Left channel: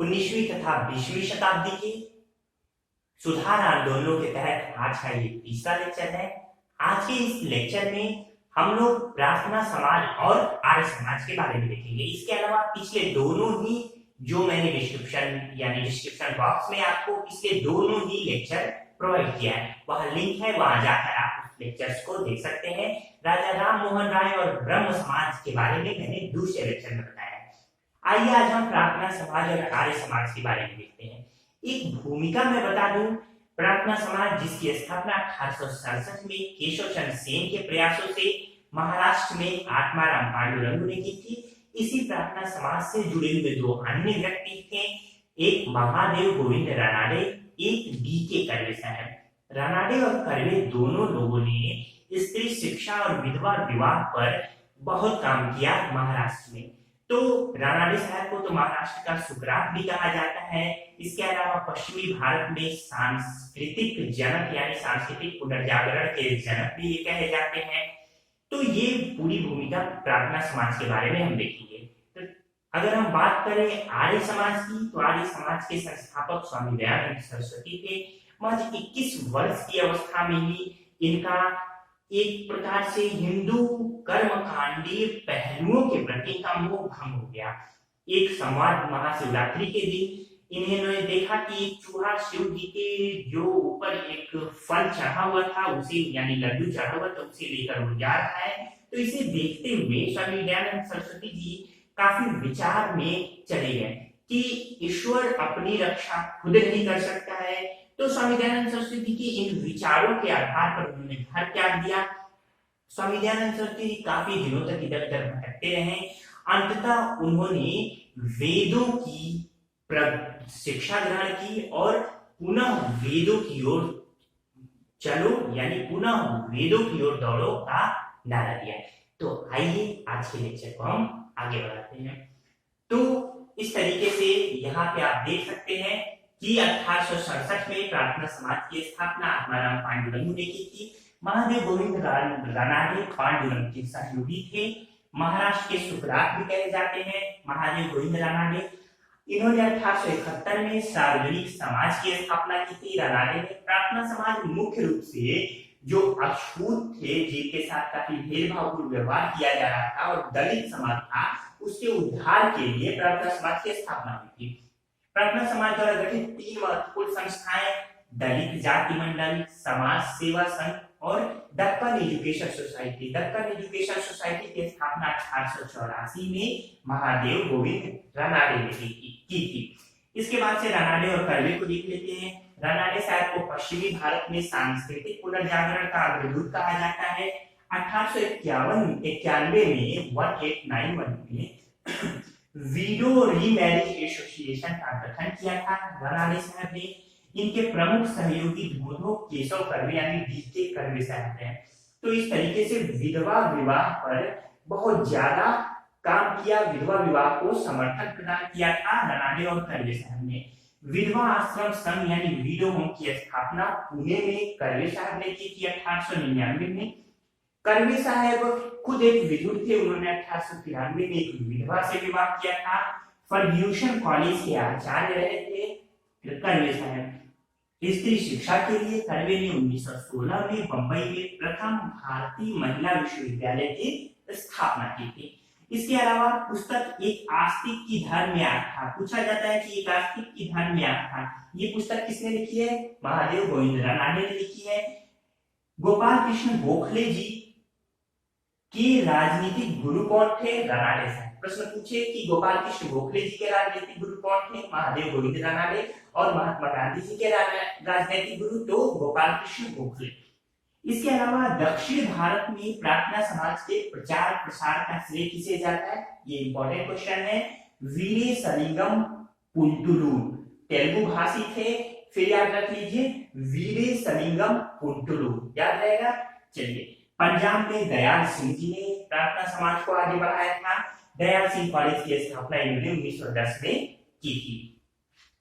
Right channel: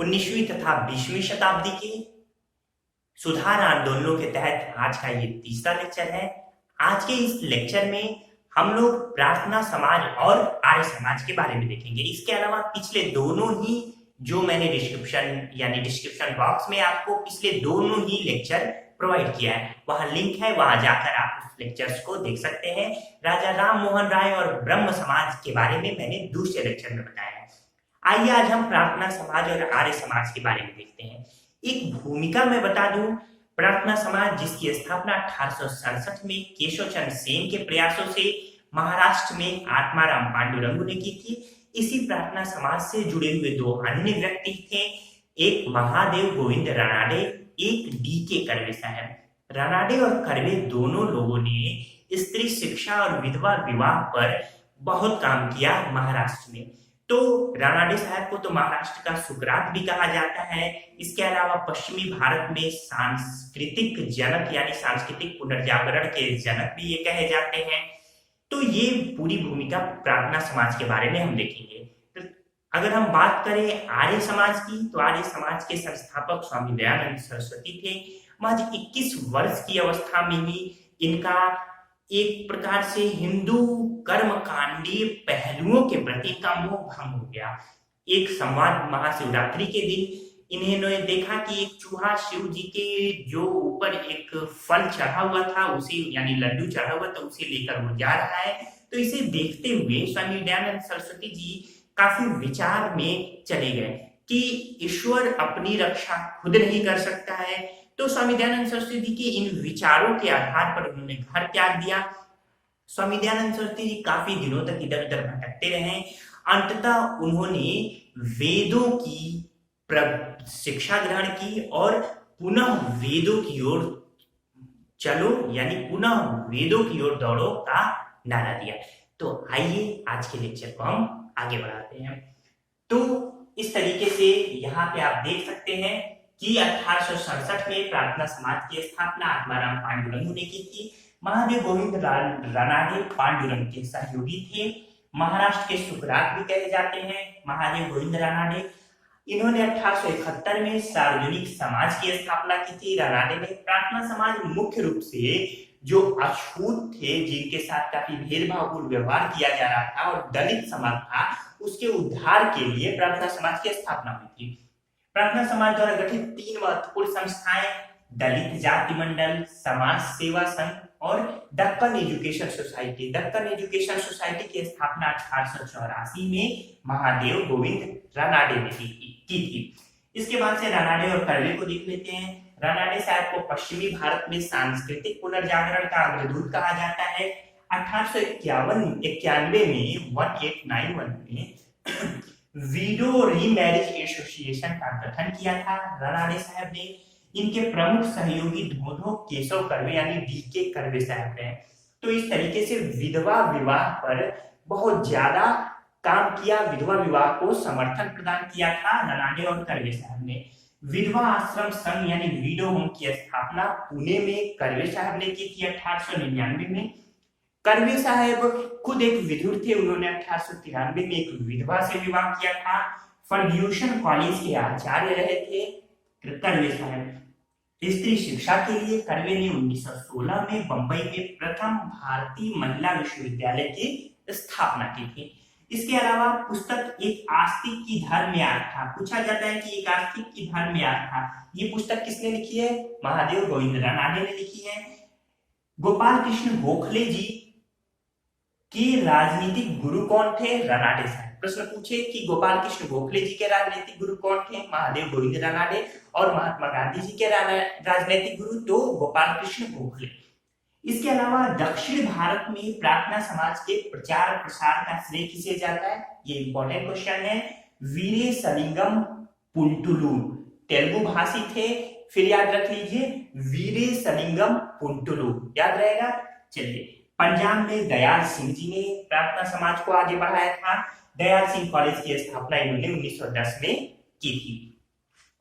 19वीं तथा 20वीं शताब्दी के सुधार आंदोलनों के तहत आज का ये तीसरा लेक्चर है। आज के इस लेक्चर में हम लोग प्रार्थना समाज और आर्य समाज के बारे में देखेंगे। इसके अलावा पिछले दोनों ही जो मैंने डिस्क्रिप्शन बॉक्स में आपको पिछले दोनों ही लेक्चर प्रोवाइड किया है, वहां लिंक है, वहां जाकर आप उस लेक्चर्स को देख सकते हैं। राजा राम मोहन राय और ब्रह्म समाज के बारे में मैंने दूसरे लेक्चर में बताया है। आइए आज हम प्रार्थना समाज और आर्य समाज के बारे में देखते हैं। एक भूमिका मैं बता दूं, प्रार्थना समाज जिसकी स्थापना 1867 में केशव चंद्र सेन के प्रयासों से महाराष्ट्र में आत्माराम पांडुरंग ने की थी। इसी प्रार्थना समाज से जुड़े हुए दो अन्य व्यक्ति थे, एक महादेव गोविंद रानाडे, एक डी.के. कर्वे साहब। रानाडे और कर्वे दोनों लोगों ने स्त्री शिक्षा और विधवा विवाह पर बहुत काम किया महाराष्ट्र में। तो रानाडे साहब को तो महाराष्ट्र का सुकरात भी कहा जाता है। इसके अलावा पश्चिमी भारत में सांस्कृतिक जनक यानी सांस्कृतिक पुनर्जागरण के जनक भी ये कहे जाते हैं। तो ये पूरी भूमिका प्रार्थना समाज के बारे में हम देखेंगे। तो अगर हम बात करें आर्य समाज की, तो आर्य समाज के संस्थापक स्वामी दयानंद सरस्वती थे। महज 21 वर्ष की अवस्था में ही इनका एक प्रकार से हिंदू कर्मकांडीय पहलुओं के प्रति इनका मोह भंग हो गया। एक संवाद महाशिवरात्रि के दिन इन्होंने देखा कि एक चूहा शिव जी के जो ऊपर एक फल चढ़ा हुआ था, उसे यानी लड्डू चढ़ा हुआ था, उसे लेकर वो जा रहा है। तो इसे देखते हुए स्वामी दयानंद सरस्वती जी काफी विचार में चले गए कि ईश्वर अपनी रक्षा खुद नहीं कर सकता है। तो स्वामी दयानंद सरस्वती जी के इन विचारों के आधार पर उन्होंने घर त्याग दिया। स्वामी दयानंद सरस्वती जी काफी दिनों तक इधर उधर भटकते रहे। अंततः उन्होंने वेदों की शिक्षा ग्रहण की और पुनः वेदों की ओर चलो यानी पुनः वेदों की ओर दौड़ो का नारा दिया। तो आइए आज के लेक्चर को हम आगे बढ़ाते हैं। तो इस तरीके से यहाँ पे आप देख सकते हैं कि 1867 में प्रार्थना समाज की स्थापना आत्माराम पांडुरंग ने की थी। महादेव गोविंद रानाडे पांडुरंग के सहयोगी थे। महाराष्ट्र के सुकरात भी कहे जाते हैं महादेव गोविंद रानाडे। इन्होंने 1871 में सार्वजनिक समाज की स्थापना की थी। रानाडे ने प्रार्थना समाज मुख्य रूप से जो अछूत थे, जिनके साथ काफी भेदभावपूर्ण व्यवहार किया जा रहा था और दलित समाज था, उसके उद्धार के लिए प्रार्थना समाज की स्थापना हुई थी। प्रार्थना समाज द्वारा गठित 3 महत्वपूर्ण संस्थाएं दलित जाति मंडल, समाज सेवा संघ और Deccan education society. Deccan education society की स्थापना 1884 में महादेव गोविंद रानाडे ने की थी। इसके बाद से रानाडे और कर्वे को देख लेते हैं। रानाडे साहब को पश्चिमी भारत में सांस्कृतिक पुनर्जागरण का अग्रदूत कहा जाता है। 1891 में 1891 में वीडो रीमैरिज एसोसिएशन का गठन किया था रानाडे साहब ने। इनके प्रमुख सहयोगी धोधो केशव कर्वे यानी डी.के. कर्वे साहब हैं। तो इस तरीके से विधवा विवाह पर बहुत ज्यादा काम किया, विधवा विवाह को समर्थन प्रदान किया था रानाडे और कर्वे साहब ने। विधवा आश्रम संघ यानी विडो होम की स्थापना पुणे में कर्वे साहब ने की थी 1899 में। कर्वे साहब खुद एक विदुर थे। उन्होंने 1893 में एक विधवा से विवाह किया था। फर्ग्यूसन कॉलेज के आचार्य रहे थे कर्वे साहब। स्त्री शिक्षा के लिए कर्वे ने 1916 में बंबई में प्रथम भारतीय महिला विश्वविद्यालय की स्थापना की थी। इसके अलावा पुस्तक एक आस्तिक की धर्म याग था। पूछा जाता है कि एक आस्तिक की धर्म याग था, ये पुस्तक किसने लिखी है? महादेव गोविंद रानाडे ने लिखी है। गोपाल कृष्ण गोखले जी के राजनीतिक गुरु कौन थे? रानाडे साहब। प्रश्न पूछे कि गोपाल कृष्ण गोखले जी के राजनीतिक गुरु कौन थे? महादेव गोविंद रानाडे। और महात्मा गांधी जी के राजनीतिक गुरु तो गोपाल कृष्ण गोखले। इसके अलावा दक्षिण भारत में प्रार्थना समाज के प्रचार प्रसार का श्रेय किसे जाता है? ये इंपॉर्टेंट क्वेश्चन है। वीरेसलिंगम पुंटुलू तेलुगु भाषी थे। फिर याद रख लीजिए वीरेसलिंगम पुंटुलू, याद रहेगा। चलिए, पंजाब में दयाल सिंह जी ने प्रार्थना समाज को आगे बढ़ाया था। दयाल सिंह कॉलेज की स्थापना इन्होंने 1910 में की थी।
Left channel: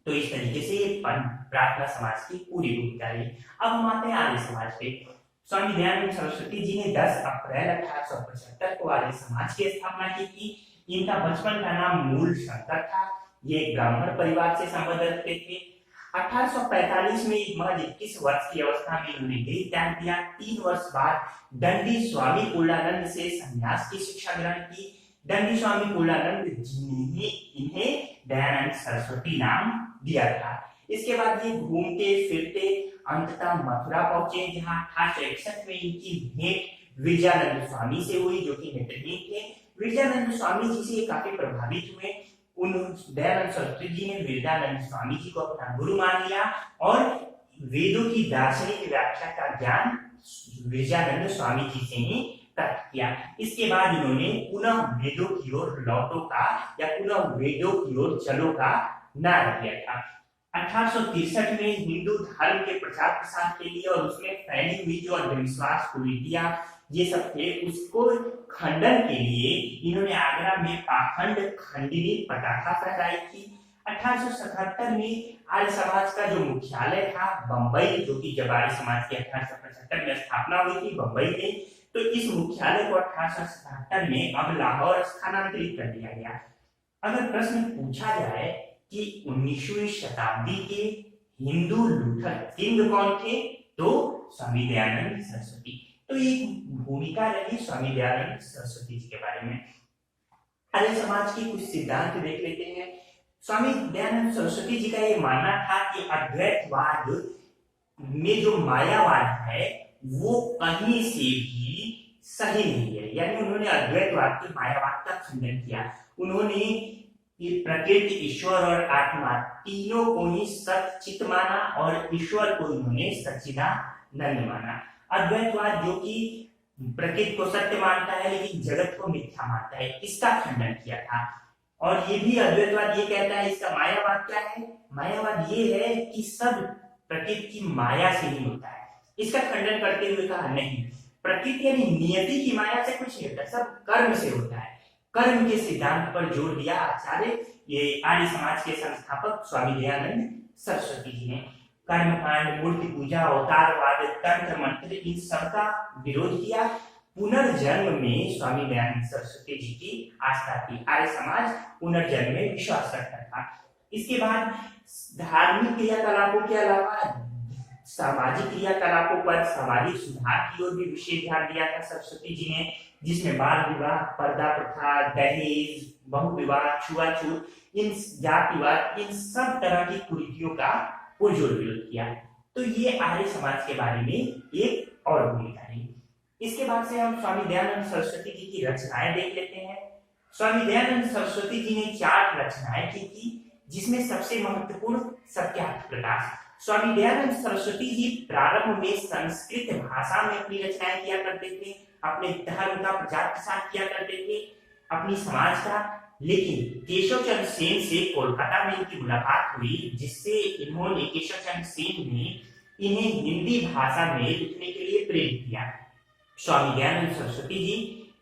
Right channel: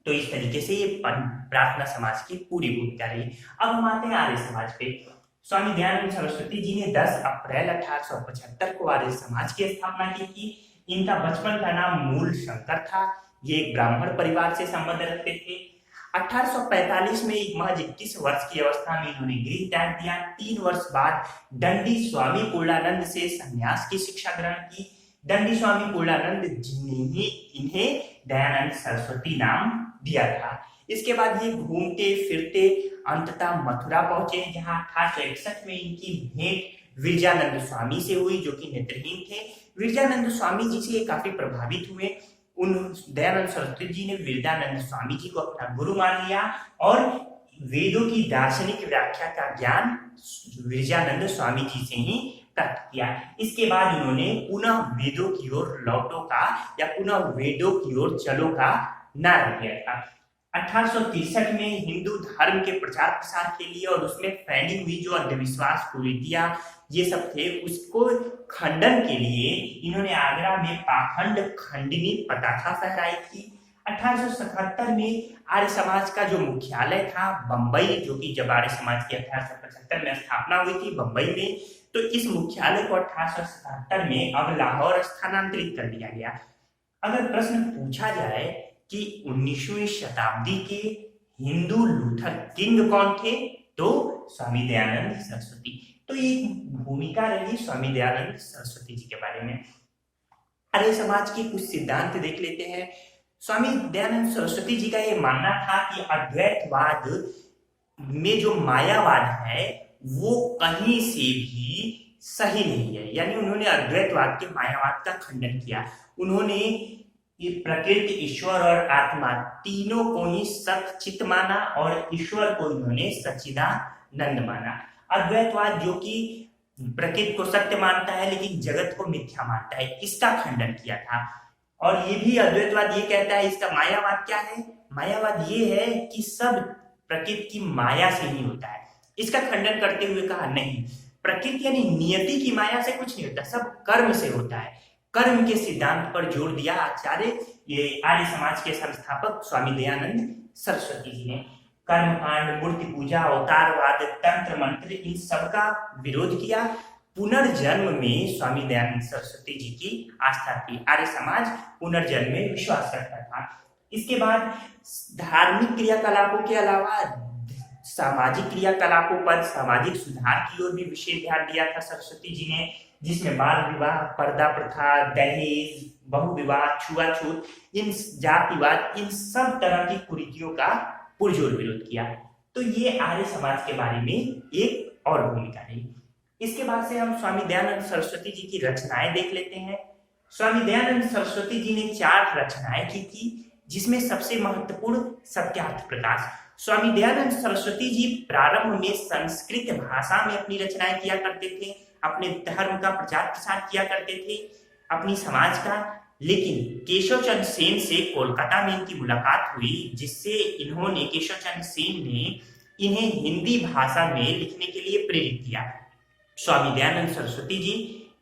तो इस तरीके से ये प्रार्थना समाज की पूरी भूमिका रही। अब हम आते हैं आर्य समाज पे। स्वामी दयानंद सरस्वती जी ने 10 अप्रैल 1875 को आर्य समाज की स्थापना की थी। इनका बचपन का नाम मूल शंकर था। ये एक ब्राह्मण परिवार से संबंध रखते थे। 1845 में महज 21 वर्ष की अवस्था में इन्होंने गृह त्याग दिया। 3 वर्ष बाद दंडी स्वामी पूर्णानंद से संन्यास की शिक्षा ग्रहण की। दंडी स्वामी पूर्णानंद जिन्हें ही इन्हें दयानंद सरस्वती नाम दिया था। इसके बाद ये घूमते फिरते अंततः मथुरा पहुंचे, जहां 1861 में इनकी भेंट विरजानंद स्वामी से हुई, जो कि नेत्रहीन थे। विरजानंद स्वामी जी से काफी प्रभावित हुए। उन दयानंद सरस्वती जी ने विरजानंद स्वामी जी को अपना गुरु मान लिया और वेदों की दार्शनिक व्याख्या का ज्ञान विरजानंद स्वामी जी से ही प्राप्त किया। इसके बाद इन्होंने पुनः वेदों की ओर लौटो का या पुनः वेदों की ओर चलो का नारा दिया था। 1863 में हिंदू धर्म के प्रचार प्रसार के लिए और उसमें फैली हुई जो अंधविश्वास कुरीतियां ये सब थे, उसको खंडन के लिए इन्होंने आगरा में पाखंड खंडिनी पताका फहराई थी। 1877 में आर्य समाज का जो मुख्यालय था बंबई, जो कि जब आर्य समाज की 1875 में स्थापना हुई थी बंबई में, तो इस मुख्यालय को 1877 में अब लाहौर स्थानांतरित कर दिया गया। अगर प्रश्न पूछा जाए कि 19वीं शताब्दी के हिंदू लूथर किंग कौन थे, तो स्वामी दयानंद सरस्वती। तो ये भूमिका रही स्वामी दयानंद सरस्वती जी के बारे में। आर्य समाज के कुछ सिद्धांत देख लेते हैं। स्वामी दयानंद सरस्वती जी का ये मानना था कि अद्वैतवाद में जो मायावाद है वो कहीं से भी सही नहीं है, यानी उन्होंने अद्वैतवाद के मायावाद का खंडन किया। उन्होंने ये प्रकृति, ईश्वर और आत्मा तीनों को ही सत चित माना और ईश्वर को इन्होंने सच्चिदानंद माना। अद्वैतवाद जो कि प्रकृति को सत्य मानता है लेकिन जगत को मिथ्या मानता है, इसका खंडन किया था। और ये भी अद्वैतवाद ये कहता है, इसका मायावाद क्या है? मायावाद ये है कि सब प्रकृति की माया से ही होता है। इसका खंडन करते हुए कहा नहीं, प्रकृति यानी नियति की माया से कुछ नहीं होता, सब कर्म से होता है। कर्म के सिद्धांत पर जोर दिया आचार्य ये आर्य समाज के संस्थापक स्वामी दयानंद सरस्वती जी ने। कर्मकांड, मूर्ति पूजा, अवतारवाद, तंत्र मंत्र, इन सबका विरोध किया। पुनर्जन्म में स्वामी दयानंद सरस्वती जी की आस्था थी। आर्य समाज पुनर्जन्म में विश्वास रखता था। इसके बाद धार्मिक क्रियाकलापों के अलावा सामाजिक क्रियाकलापों पर सामाजिक सुधार की ओर भी विशेष ध्यान दिया था सरस्वती जी ने, जिसमें बाल विवाह, पर्दा प्रथा, दहेज, बहुविवाह, छुआछूत, इन जातिवाद, इन सब तरह की कुरीतियों का पुरजोर विरोध किया। तो ये आर्य समाज के बारे में एक और भूमिका रही। इसके बाद से हम स्वामी दयानंद सरस्वती जी की रचनाएं देख लेते हैं। स्वामी दयानंद सरस्वती जी ने 4 रचनाएं की थी, जिसमें सबसे महत्वपूर्ण सत्यार्थ प्रकाश। स्वामी दयानंद सरस्वती जी प्रारंभ में संस्कृत भाषा में अपनी रचनाएं किया करते थे, अपने धर्म का प्रचार प्रसार किया करते थे, अपनी समाज का। लेकिन केशव चंद्र सेन से कोलकाता में इनकी मुलाकात हुई, जिससे इन्होंने केशव चंद्र सेन ने इन्हें हिंदी भाषा में लिखने के लिए प्रेरित किया। स्वामी दयानंद सरस्वती जी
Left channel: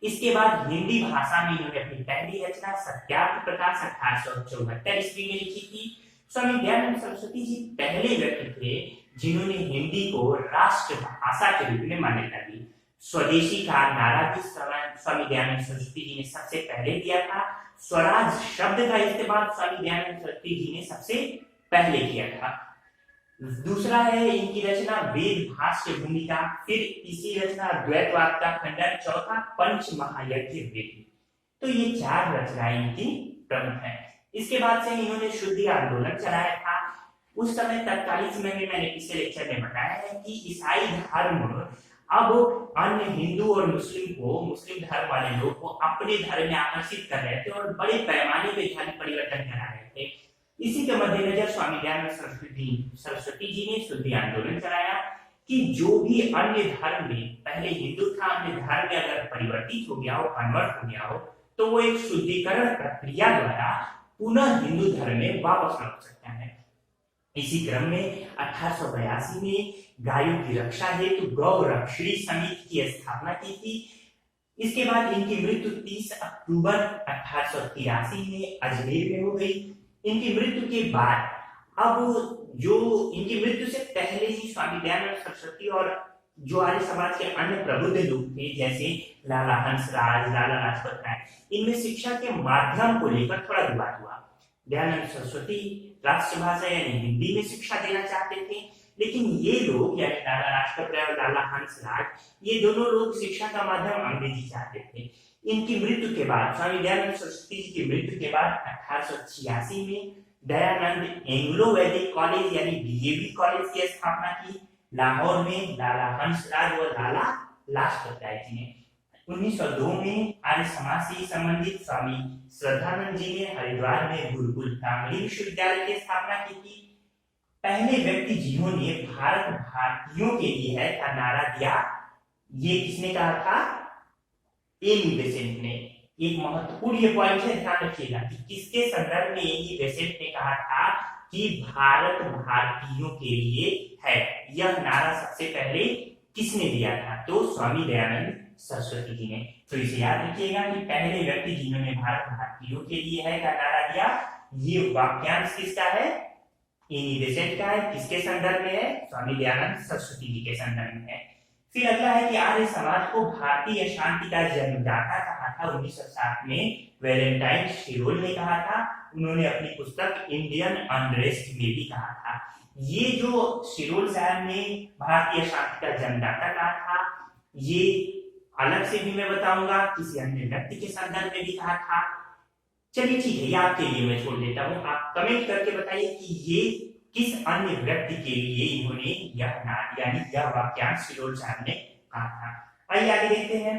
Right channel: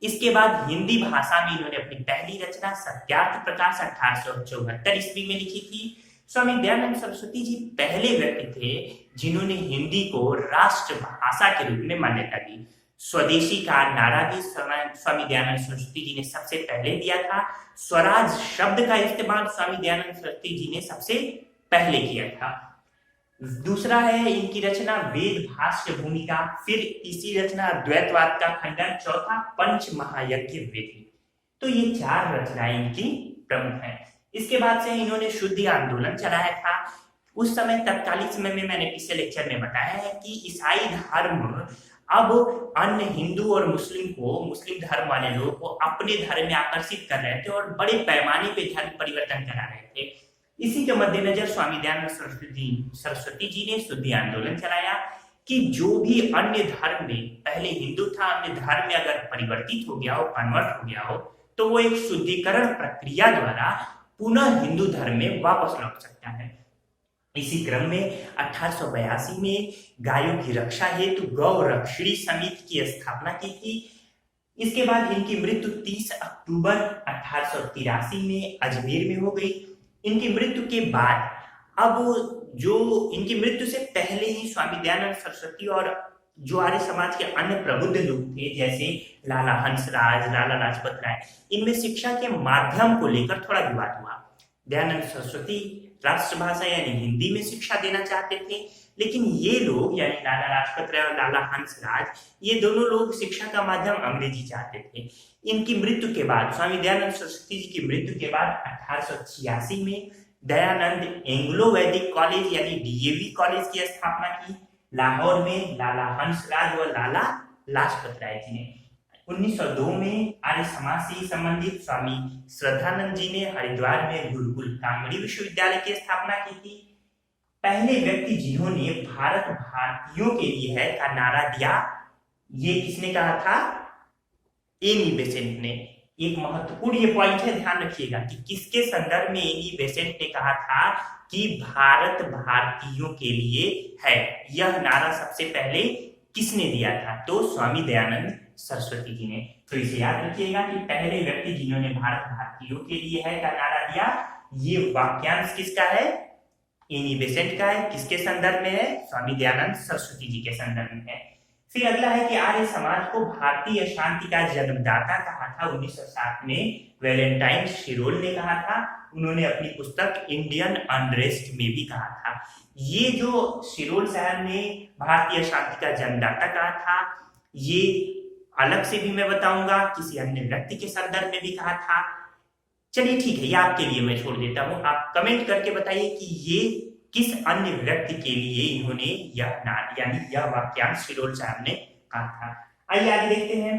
इसके बाद हिंदी भाषा में इन्होंने अपनी पहली रचना सत्यार्थ प्रकाश 1874 ईस्वी में लिखी थी। स्वामी दयानंद सरस्वती जी पहले व्यक्ति थे जिन्होंने हिंदी को राष्ट्र भाषा के रूप में मान्यता दी। स्वदेशी का नारा भी स्वामी दयानंद सरस्वती जी ने सबसे पहले दिया था। स्वराज शब्द का इस्तेमाल स्वामी दयानंद सरस्वती जी ने सबसे पहले किया था। दूसरा है इनकी रचना वेद भाष्य भूमिका, फिर तीसरी रचना द्वैतवाद का खंडन, चौथा पंच महायज्ञ वेद। तो ये 4 रचनाएं इनकी प्रमुख हैं। इसके बाद से इन्होंने शुद्धि आंदोलन चलाया था। उस समय तत्कालीन समय में मैंने पिछले लेक्चर में बताया है कि ईसाई धर्म अब अन्य हिंदू और मुस्लिम धर्म वाले लोग को अपने धर्म में आकर्षित कर रहे थे और बड़े पैमाने पे धर्म परिवर्तन करा रहे थे। इसी के मद्देनजर स्वामी दयानंद सरस्वती जी ने शुद्धि आंदोलन चलाया कि जो भी अन्य धर्म में पहले हिंदू था, अन्य धर्म में अगर परिवर्तित हो गया हो, कन्वर्ट हो गया हो, तो वो एक शुद्धिकरण प्रक्रिया द्वारा पुनः हिंदू धर्म में वापस लौट सकता है। इसी क्रम में 1882 में गायों की रक्षा हेतु गौ रक्षणी समिति की स्थापना की थी। इसके बाद इनकी मृत्यु 30 अक्टूबर 1883 में अजमेर में हो गई। इनकी मृत्यु के बाद इनकी मृत्यु से पहले ही स्वामी दयानंद सरस्वती और जो आर्य समाज के अन्य प्रबुद्ध लोग थे, जैसे लाला हंसराज, लाला लाजपत राय, इनमें शिक्षा के माध्यम को लेकर थोड़ा विवाद हुआ। दयानंद सरस्वती राष्ट्रभाषा यानी हिंदी में शिक्षा देना चाहते थे, लेकिन ये लोग यानी लाला लाजपत राय और लाला हंसराज, ये दोनों लोग शिक्षा का माध्यम अंग्रेजी चाहते थे। इनकी मृत्यु के बाद, स्वामी दयानंद सरस्वती जी की मृत्यु के बाद 1886 में दयानंद एंग्लो वैदिक कॉलेज यानी डीएवी कॉलेज की स्थापना की लाहौर में लाला हंसराज और लाला लाजपत राय जी ने। 1902 में आर्य समाज से संबंधित स्वामी श्रद्धानंद जी ने हरिद्वार में गुरुकुल कांगड़ी विश्वविद्यालय की स्थापना की थी। पहले व्यक्ति जिन्होंने भारत भारतीयों के लिए है का नारा दिया, ये किसने कहा था? एनी बेसेंट ने। एक महत्वपूर्ण ये पॉइंट है, ध्यान रखिएगा कि किसके संदर्भ में एनी बेसेंट ने कहा था कि भारत भारतीयों के लिए है। यह नारा सबसे पहले किसने दिया था? तो स्वामी दयानंद सरस्वती जी ने। तो इसे याद रखिएगा कि पहले व्यक्ति जिन्होंने भारत भारतीयों के लिए है का नारा दिया, ये वाक्यांश किसका है? एनी बेसेंट का है। किसके संदर्भ में है? स्वामी दयानंद सरस्वती जी के संदर्भ में है। फिर अगला है कि आर्य समाज को भारतीय शांति का जन्मदाता कहा था 1907 में वैलेंटाइन शिरोल ने कहा था। उन्होंने अपनी पुस्तक इंडियन अनरेस्ट में भी कहा था। ये जो शिरोल साहब ने भारतीय शांति का जन्मदाता कहा था, ये अलग से भी मैं बताऊंगा, किसी अन्य व्यक्ति के संदर्भ में भी कहा था। चलिए ठीक है, ये आपके लिए मैं छोड़ देता हूं। आप कमेंट करके बताइए कि ये किस अन्य व्यक्ति के लिए इन्होंने यह वाक्यांश शिरोल साहब ने कहा था। आइए आगे देखते हैं।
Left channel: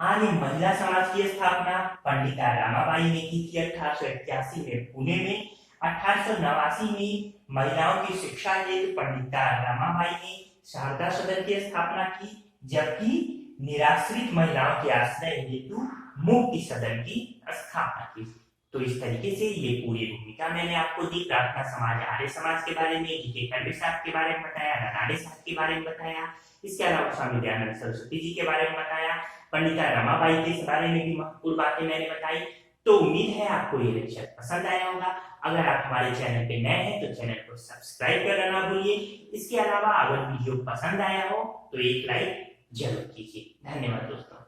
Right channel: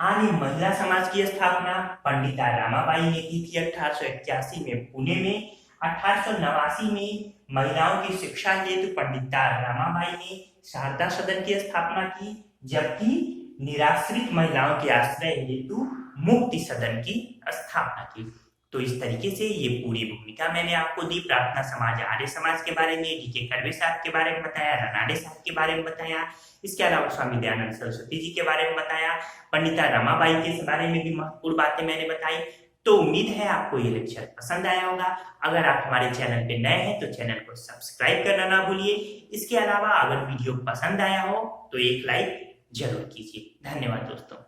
आर्य महिला समाज की स्थापना पंडिता रमाबाई ने की थी 1881 में पुणे में। 1889 में महिलाओं की शिक्षा हेतु पंडिता रमाबाई ने शारदा सदन की स्थापना की, जबकि निराश्रित महिलाओं के आश्रय हेतु मुक्ति सदन की स्थापना की। तो इस तरीके से ये पूरी भूमिका मैंने आपको दी। प्रार्थना समाज, आर्य समाज के बारे में, डीके कर्वे साहब के बारे में बताया, रनाडे साहब के बारे में बताया, इसके अलावा स्वामी दयानंद सरस्वती जी के बारे में बताया, पंडिता रमाबाई के बारे में भी महत्वपूर्ण बातें मैंने बताई। तो उम्मीद है आपको ये लेक्चर पसंद आया होगा। अगर आप हमारे चैनल पे नए हैं तो चैनल को सब्सक्राइब करना ना भूलिए। इसके अलावा अगर वीडियो पसंद आया हो तो एक लाइक जरूर कीजिए। धन्यवाद दोस्तों।